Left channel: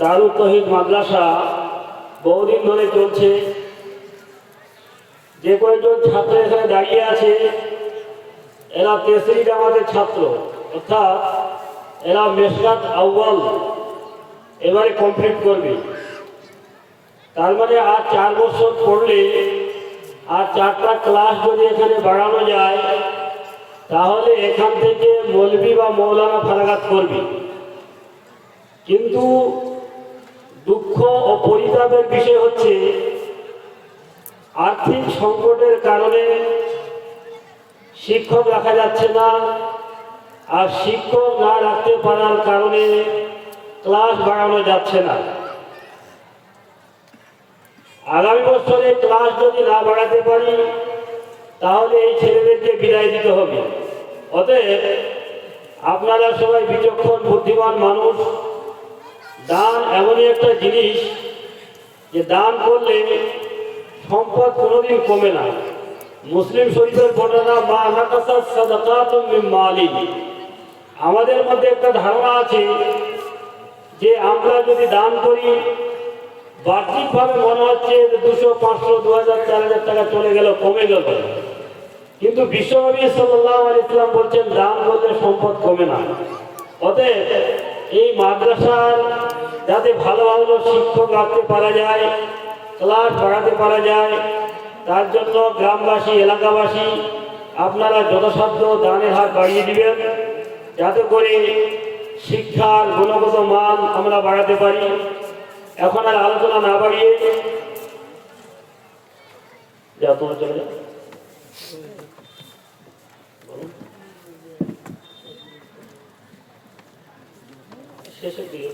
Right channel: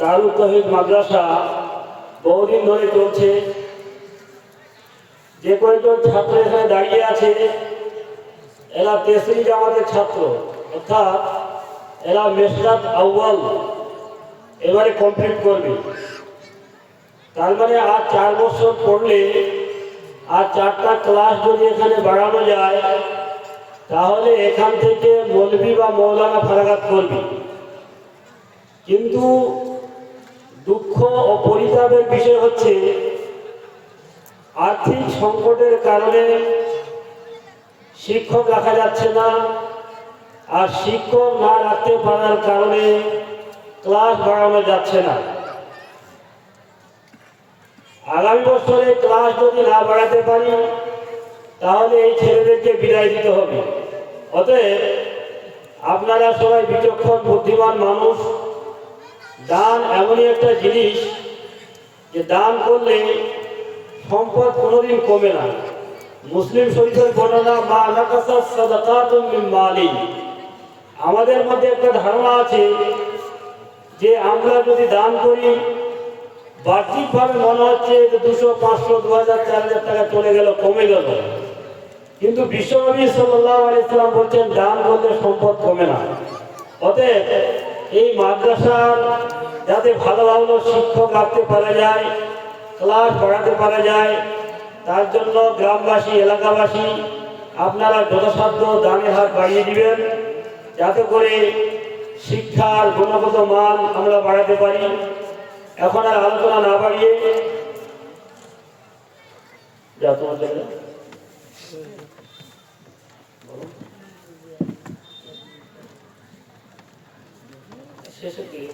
দারুল তৌহিদ মাদ্রাসা বহুদিন ধরে চলছে। যে কয়েকজন ছাত্র এখানে দাঁড়িয়ে আছে এরা তেসরি জামাতের ছাত্র, অর্থাৎ এরা মেশকাত আউয়াল এবারে কমপ্লিট করবে। তার মানে আর 4 বছর পড়লে আর 4টা ক্লাস যদি এখানে বাড়ানো যায় তাহলে এখান থেকে মৌলভী বা মৌলানা ফারাগাত করবে। কিন্তু দুঃখ ও পরিতাপের বিষয় হচ্ছে আর্থিক সংকটের কারণে শিক্ষক রাখা যাচ্ছে না, আর শিক্ষক না রাখতে পারার কারণে ক্লাস বাড়ানো যাচ্ছে না। আগামী বছরে ক্লাস যদি না বাড়াতে পারি তাহলে এই ছেলেদেরকে বিদায় দিতে হবে। অতএব আপনারা সবাই বিচক্ষণ বুদ্ধিমান মানুষ, দান এমনই একটা জিনিস যে দান করলে সম্পদ কোনোদিন কমে না। মুসলিম শরীফের বর্ণনা মা নাকাসাত সাদাকাতুম মিন মালি। আমাদের মধ্যে একটা ধারণা আছে যে আমরা যদি দান করি বাহ্যিকভাবে মনে হচ্ছে যে 200, 500, 2000, 4000 টাকা চলে গেল, কমে গেল। কিন্তু বিশ্বনবী সাল্লাল্লাহু আলাইহি সাল্লাম বলছেন দান করলে সম্পদ কমে না। অতএব এই মাদ্রাসার যাতে ভালো ভালো শিক্ষক রাখতে পারা যায়, ক্লাস বাড়াতে পারা যায়, তার জন্য গ্রামবাসী এলাকাবাসী আপনারা যথাসাধ্য দানের হার বাড়িয়ে দিবেন, যাতে করে শিক্ষার গুণগত মান আমরা বাড়াতে পারি। এখন আর আলোচনা না বাড়িয়ে শেষের দিকে